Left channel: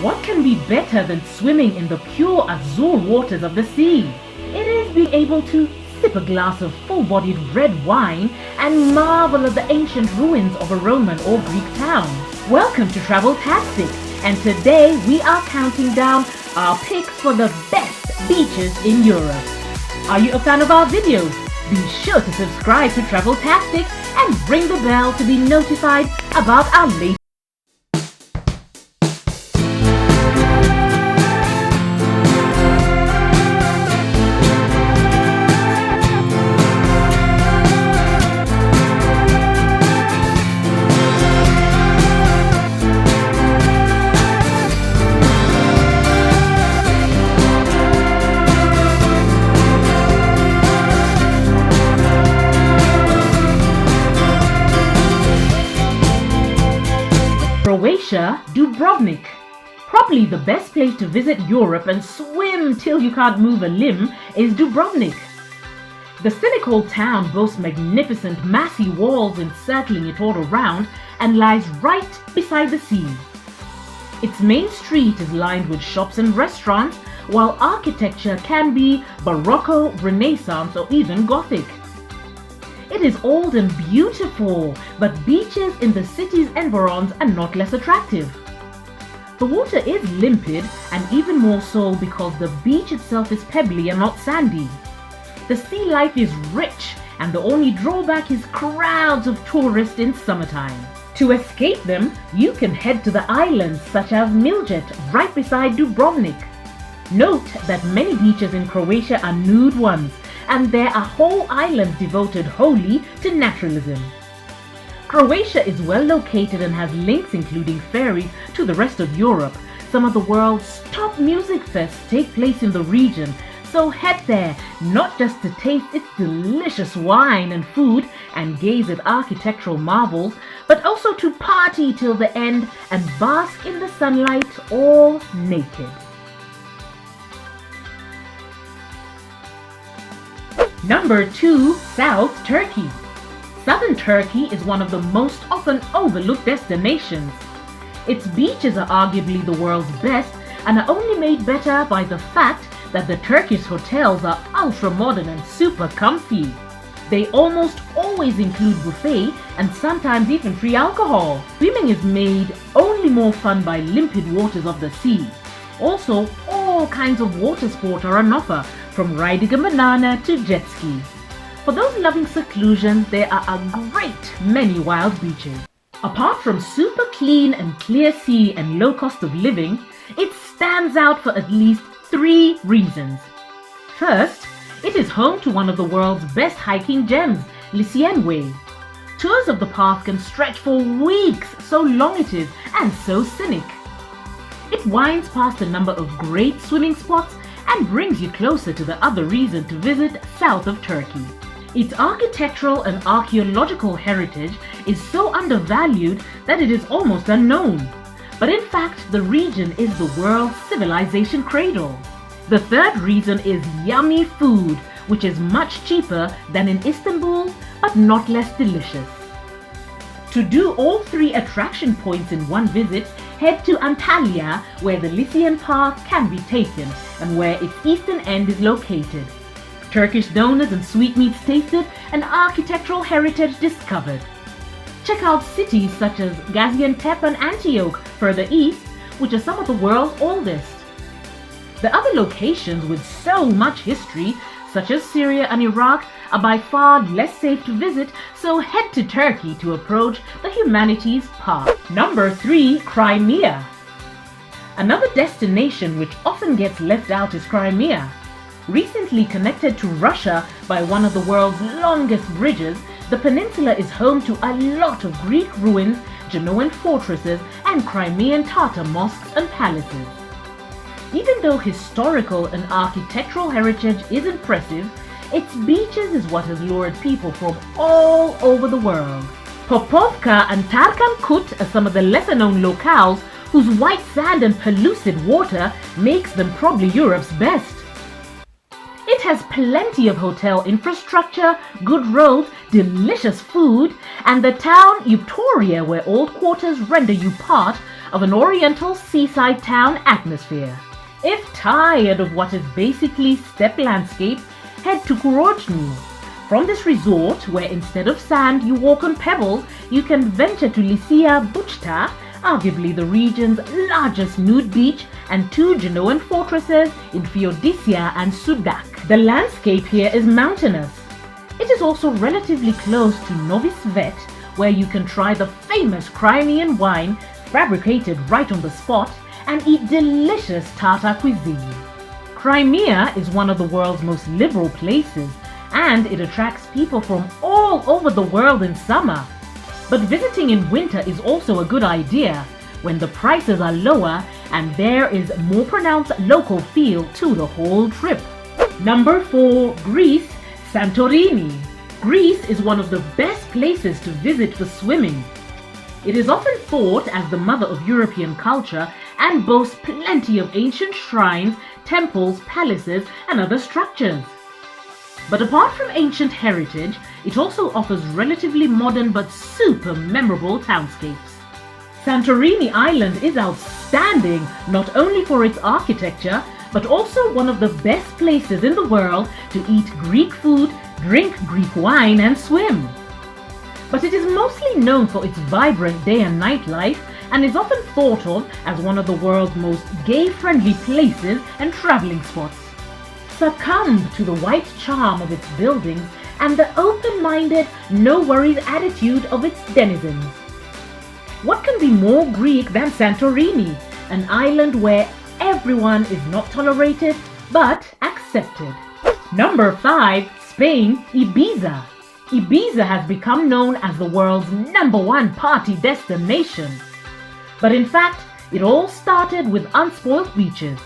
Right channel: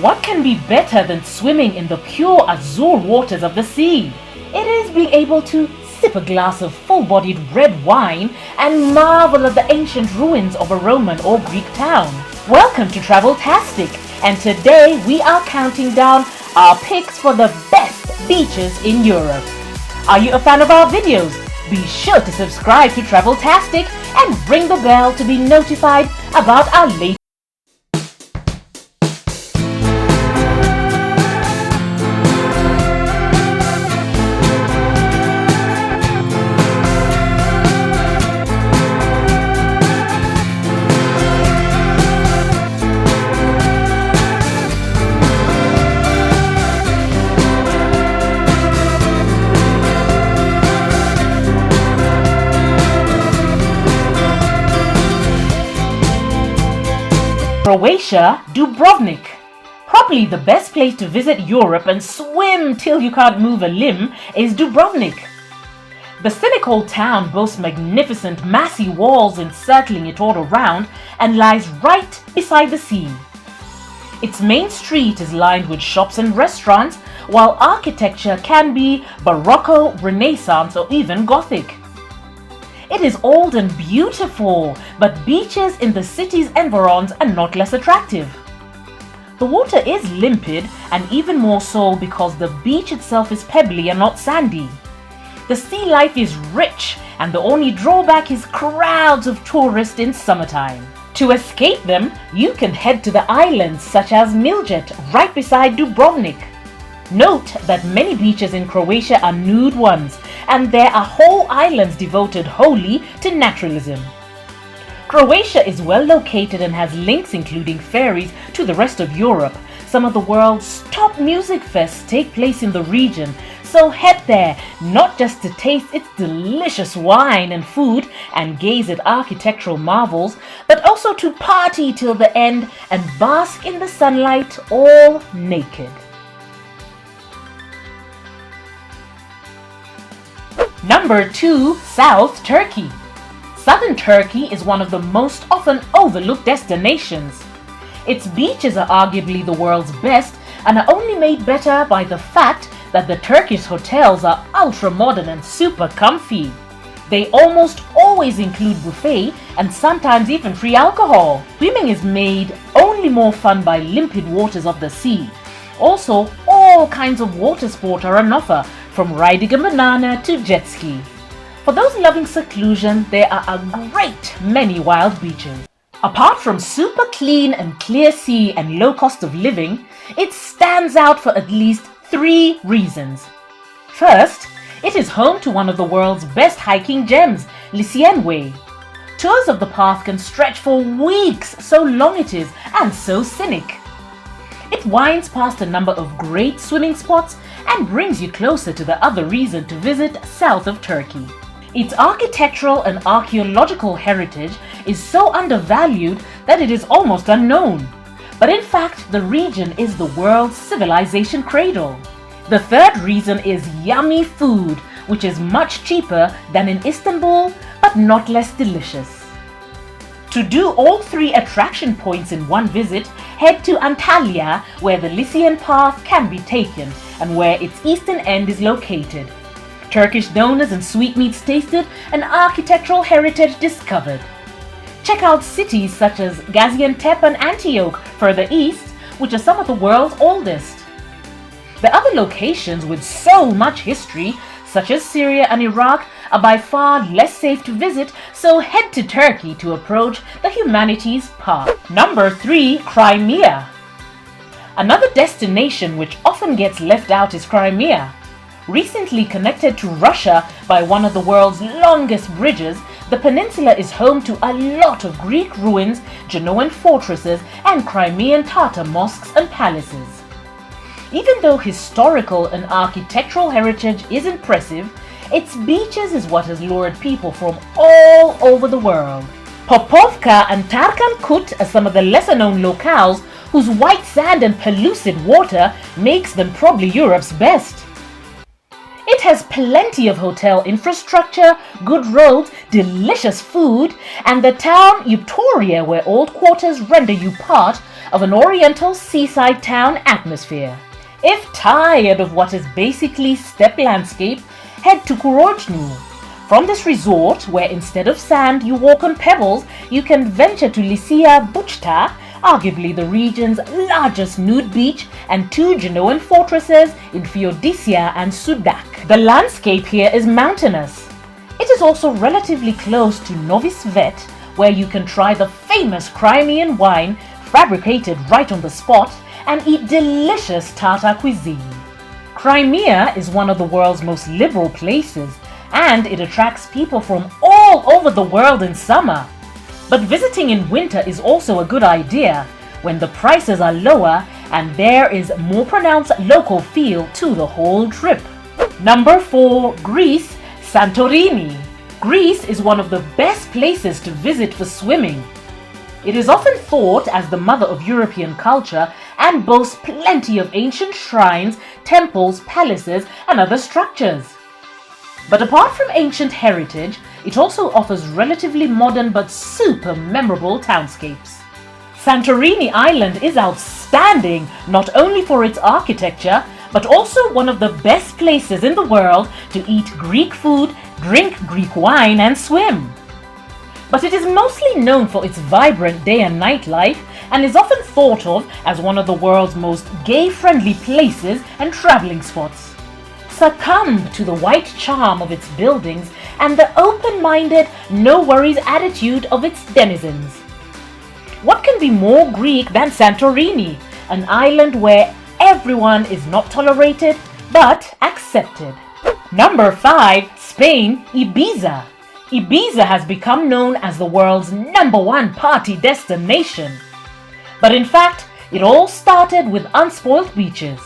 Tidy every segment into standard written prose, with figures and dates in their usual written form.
What can be better than swimming in the pure azure waters of the sea? It is being able to sip a glass of full-bodied red wine and marvel at the ancient ruins of a Roman or Greek town. Welcome to Traveltastic, and today we are counting down our picks for the best beaches in Europe. Are you a fan of our videos? Be sure to subscribe to Traveltastic and ring the bell to be notified about our latest. Croatia, Dubrovnik. Probably the best place to visit Europe and swim till you can't move a limb is Dubrovnik. The scenic old town boasts magnificent massy walls encircling it all around and lies right beside the sea. Its main street is lined with shops and restaurants, while architecture can be Baroque, Renaissance, or even Gothic. It is old and beautiful, but beaches in the city's environs are not less attractive. The water is limpid, and even more so because the beach itself is pebbly and not sandy. The sea life is rich, and the only drawback is crowds of tourists in summertime. To escape them, you can head to the islands such as Miljet, right beside Dubrovnik. Note that many beaches in Croatia are nude ones, and there are whole islands devoted wholly to naturalism. Croatia is well located and has links including ferries to the rest of Europe. Some of the world's top music fests take place in the region, so head there not just to taste its delicious wine and food and gaze at architectural marvels, but also to party till the end and bask in the sunlight all naked. Number 2. South Turkey. Southern Turkey is one of the most often overlooked destinations. Its beaches are arguably the world's best and are only made better by the fact that the Turkish hotels are ultra modern and super comfy. They almost always include buffet and sometimes even free alcohol. Swimming is made only more fun by limpid waters of the sea. Also, all kinds of water sport are on offer, from riding a banana to jet ski. For those loving seclusion, there are a great many wild beaches. Apart from super clean and clear sea and low cost of living, it stands out for at least 3 reasons. First, it is home to one of the world's best hiking gems, Lycian Way. Tours of the path can stretch for weeks, so long it is and so scenic. It winds past a number of great swimming spots and brings you closer to the other reason to visit south of Turkey. Its architectural and archaeological heritage is so undervalued that it is almost unknown. But in fact, the region is the world's civilization cradle. The third reason is yummy food, which is much cheaper than in Istanbul, but not less delicious. To do all 3 attraction points in one visit, head to Antalya, where the Lycian path can be taken and where its eastern end is located. Turkish donuts and sweetmeats tasted and architectural heritage discovered. Check out cities such as Gaziantep and Antioch further east, which are some of the world's oldest. The other locations with so much history, such as Syria and Iraq, are by far less safe to visit, so head to Turkey to approach the humanities path. Number 3. Crimea. Another destination which often gets left out is Crimea. Recently connected to Russia by one of the world's longest bridges, the peninsula is home to a lot of Greek ruins, Genoan fortresses, and Crimean Tatar mosques and palaces. Even though historical and architectural heritage is impressive, its beaches is what has lured people from all over the world. Popovka and Tarkan Kut are some of the lesser-known locales whose white sand and pellucid water makes them probably Europe's best. It has plenty of hotel infrastructure, good roads, delicious food, and the town Eupatoria, where old quarters render you part of an oriental seaside town atmosphere. If tired of what is basically steppe landscape, head to Kurojnu. From this resort, where instead of sand you walk on pebbles, you can venture to Lycia Buchta, arguably the region's largest nude beach, and two Genoan fortresses in Feodicea and Sudak. The landscape here is mountainous. It is also relatively close to Novi Svet, where you can try the famous Crimean wine fabricated right on the spot and eat delicious Tatar cuisine. Crimea is one of the world's most liberal places, and it attracts people from all over the world in summer. But visiting in winter is also a good idea when the prices are lower and there is more pronounced local feel to the whole trip. Number 4, Greece, Santorini. Greece is one of the best places to visit for swimming. It is often thought as the mother of European culture and boasts plenty of ancient shrines, temples, palaces, and other structures. But apart from ancient heritage, it also offers relatively modern but super memorable townscapes. Santorini Island is outstanding not only for its architecture, but also one of the best places in the world to eat Greek food, drink Greek wine, and swim. But it is mostly known for its vibrant day and night life and is often thought of as one of the world's most gay-friendly places and traveling spots. Succumb to the white charm of its buildings and the open-minded, no-worries attitude of its denizens. What can be more Greek than Santorini, an island where everyone is not tolerated but accepted? Number 5, Spain, Ibiza. Ibiza has become known as the world's #1 party destination. But in fact, it all started with unspoiled beaches.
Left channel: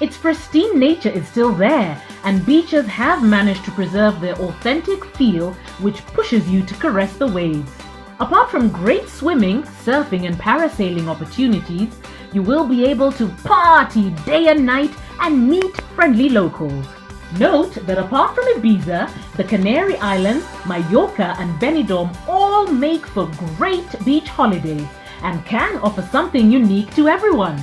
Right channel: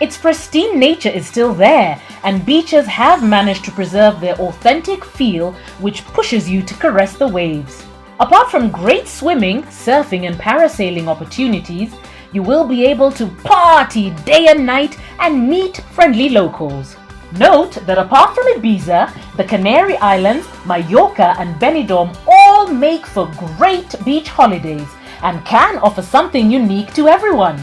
Its pristine nature is still there, and beaches have managed to preserve their authentic feel, which pushes you to caress the waves. Apart from great swimming, surfing, and parasailing opportunities, you will be able to party day and night and meet friendly locals. Note that apart from Ibiza, the Canary Islands, Mallorca, and Benidorm all make for great beach holidays and can offer something unique to everyone.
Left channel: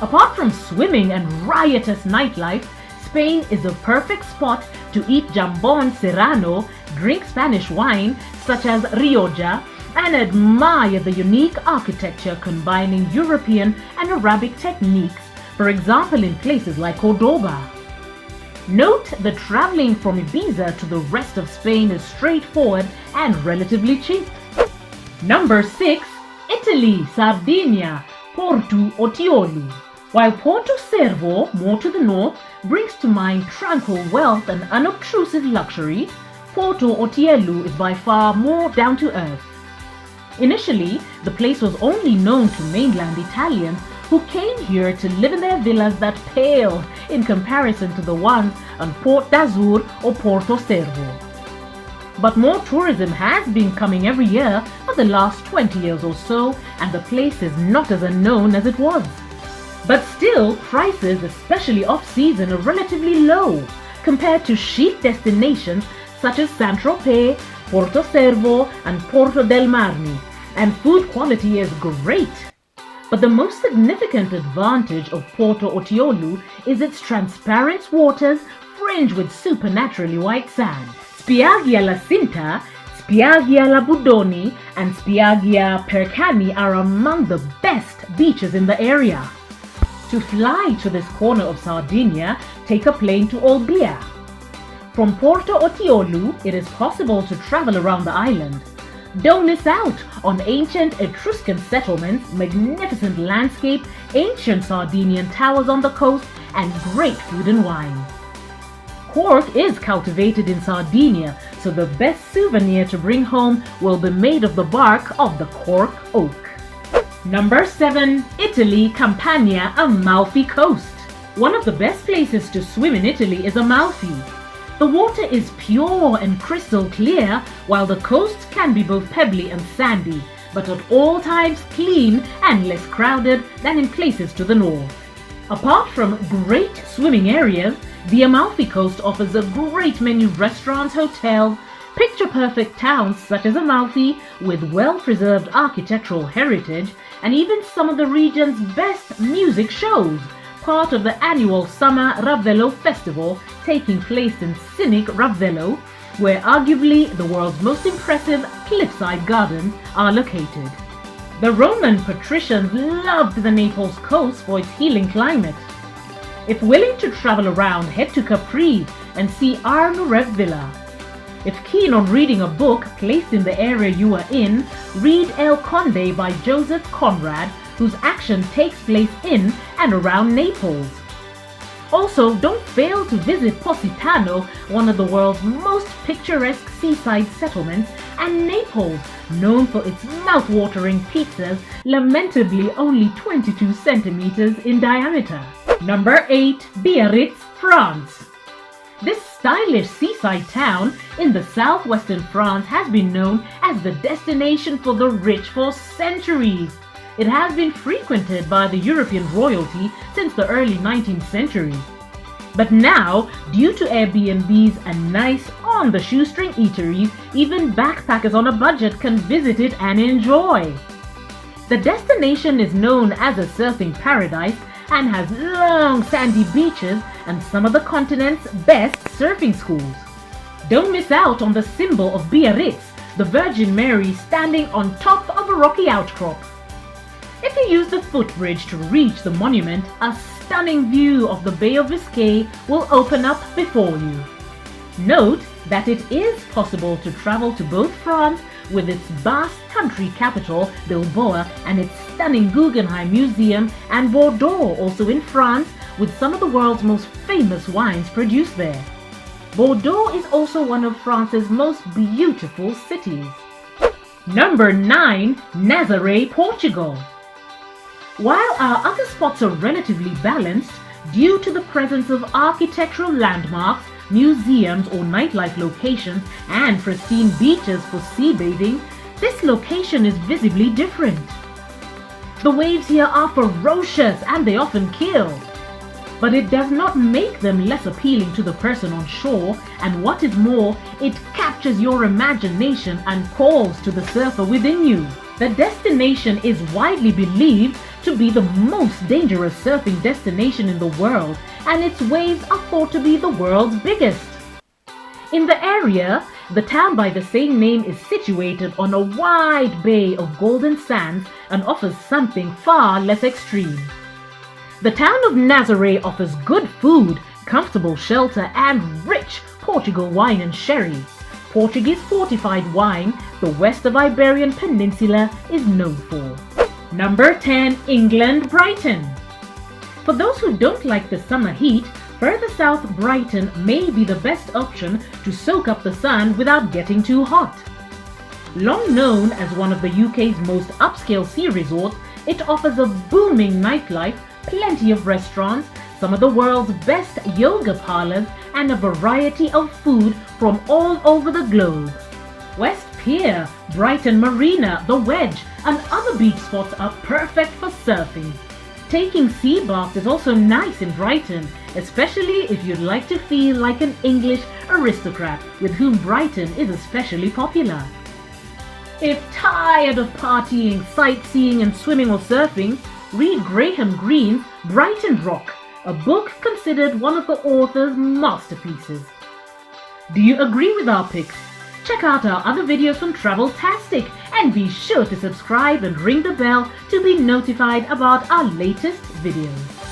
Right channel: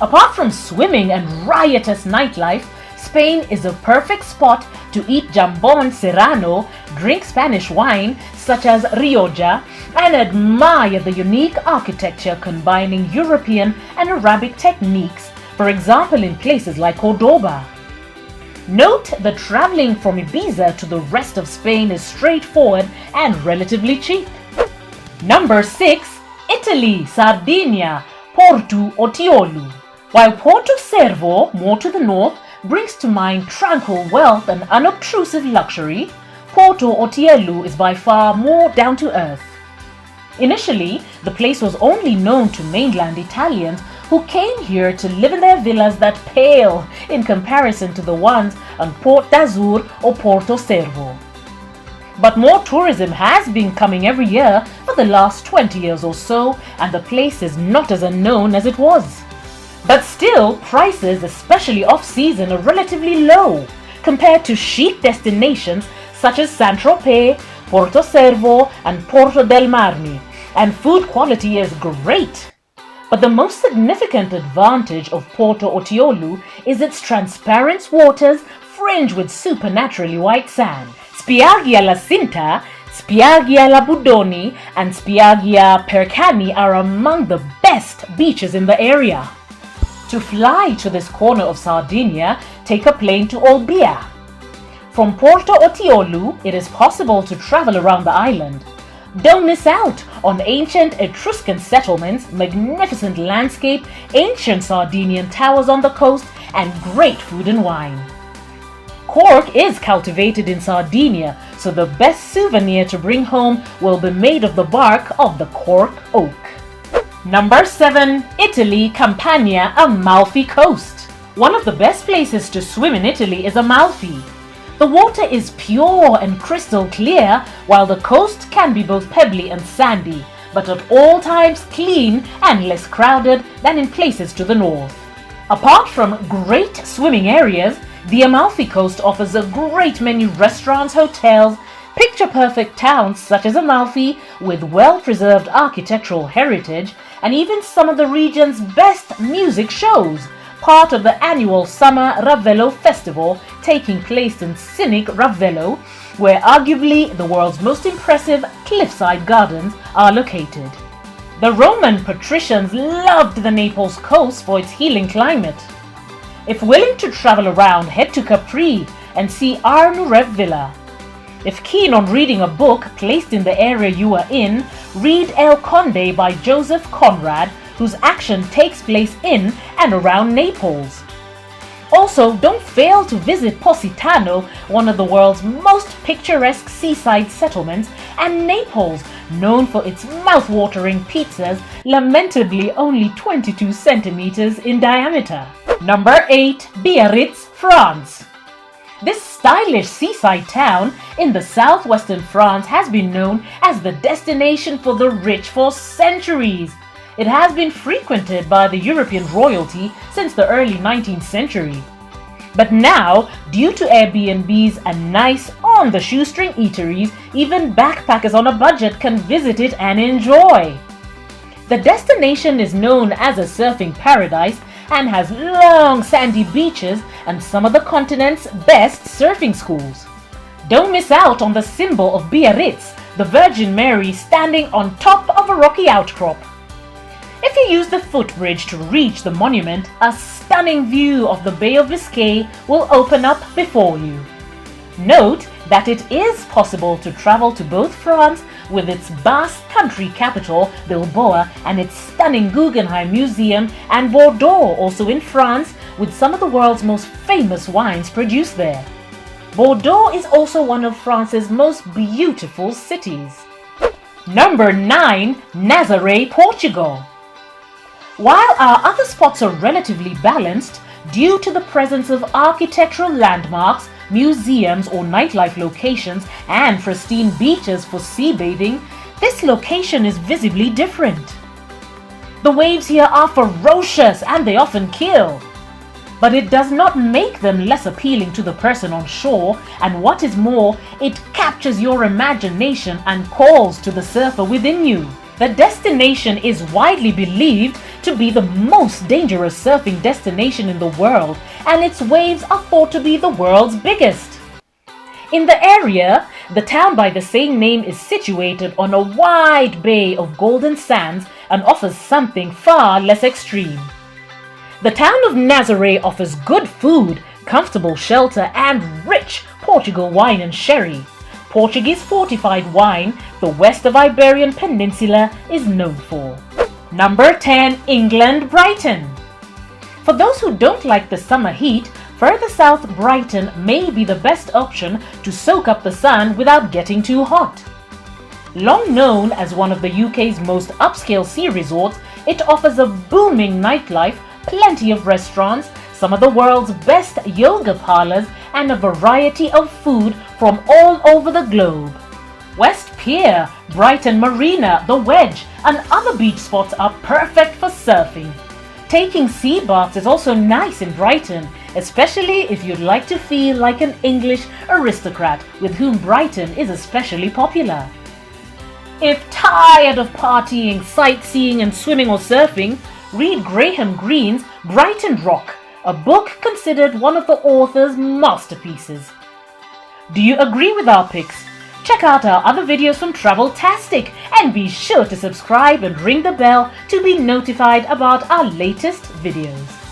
Apart from swimming and riotous nightlife, Spain is a perfect spot to eat jambon serrano, drink Spanish wine such as Rioja, and admire the unique architecture combining European and Arabic techniques, for example in places like Cordoba. Note that traveling from Ibiza to the rest of Spain is straightforward and relatively cheap. Number 6, Italy, Sardinia, Porto Otiolo. While Porto Cervo, more to the north, brings to mind tranquil wealth and unobtrusive luxury, Porto Otiolo is by far more down to earth. Initially, the place was only known to mainland Italians who came here to live in their villas that pale in comparison to the ones on Port d'Azur or Porto Cervo. But more tourism has been coming every year for the last 20 years or so, and the place is not as unknown as it was. But still, prices, especially off-season, are relatively low compared to chic destinations such as Saint-Tropez, Porto Cervo, and Porto del Marmi, and food quality is great. But the most significant advantage of Porto Otiolo is its transparent waters fringed with supernaturally white sand. Spiaggia La Cinta, Spiaggia La Budoni, and Spiaggia Percani are among the best beaches in the area. To fly to this corner of Sardinia, take a plane to Olbia. From Porto Otiolo, it is possible to travel around the island. Don't miss out on ancient Etruscan settlements, magnificent landscape, ancient Sardinian towers on the coast, and great food and wine. Cork is cultivated in Sardinia, so the best souvenir to bring home will be made of the bark of the cork oak. Number 7, Italy, Campania, Amalfi Coast. One of the best places to swim in Italy is Amalfi. The water is pure and crystal clear, while the coast can be both pebbly and sandy, but at all times clean and less crowded than in places to the north. Apart from great swimming areas, the Amalfi Coast offers a great many restaurants, hotels, picture-perfect towns such as Amalfi with well-preserved architectural heritage, and even some of the region's best music shows, part of the annual Summer Ravello Festival taking place in scenic Ravello, where arguably the world's most impressive cliffside gardens are located. The Roman patricians loved the Naples coast for its healing climate. If willing to travel around, head to Capri and see Arnurev Villa. If keen on reading a book placed in the area you are in, read El Conde by Joseph Conrad, whose action takes place in and around Naples. Also, don't fail to visit Positano, one of the world's most picturesque seaside settlements, and Naples, known for its mouth-watering pizzas, lamentably only 22 centimeters in diameter. Number 8. Biarritz, France. This stylish seaside town in the southwestern France has been known as the destination for the rich for centuries. It has been frequented by the European royalty since the early 19th century. But now, due to Airbnbs and nice on-the-shoestring eateries, even backpackers on a budget can visit it and enjoy. The destination is known as a surfing paradise and has long sandy beaches and some of the continent's best surfing schools. Don't miss out on the symbol of Biarritz, the Virgin Mary standing on top of a rocky outcrop. If you use the footbridge to reach the monument, a stunning view of the Bay of Biscay will open up before you. Note that it is possible to travel to both France with its Basque country capital, Bilbao, and its stunning Guggenheim Museum, and Bordeaux, also in France, with some of the world's most famous wines produced there. Bordeaux is also one of France's most beautiful cities. Number 9. Nazaré, Portugal. While our other spots are relatively balanced, due to the presence of architectural landmarks, museums or nightlife locations, and pristine beaches for sea bathing, this location is visibly different. The waves here are ferocious and they often kill. But it does not make them less appealing to the person on shore, and what is more, it captures your imagination and calls to the surfer within you. The destination is widely believed to be the most dangerous surfing destination in the world, and its waves are thought to be the world's biggest. In the area, the town by the same name is situated on a wide bay of golden sands and offers something far less extreme. The town of Nazaré offers good food, comfortable shelter, and rich Portugal wine and sherry. Portuguese fortified wine, the west of Iberian Peninsula, is known for. Number 10. England, Brighton. For those who don't like the summer heat, further south Brighton may be the best option to soak up the sun without getting too hot. Long known as one of the UK's most upscale sea resorts, it offers a booming nightlife, plenty of restaurants, some of the world's best yoga parlors, and a variety of food from all over the globe. West Pier, Brighton Marina, the Wedge, and other beach spots are perfect for surfing. Taking sea baths is also nice in Brighton, especially if you'd like to feel like an English aristocrat, with whom Brighton is especially popular. If tired of partying, sightseeing, and swimming or surfing, read Graham Greene's Brighton Rock, a book considered one of the author's masterpieces. Do you agree with our picks? Check out our other videos from Traveltastic and be sure to subscribe and ring the bell to be notified about our latest videos.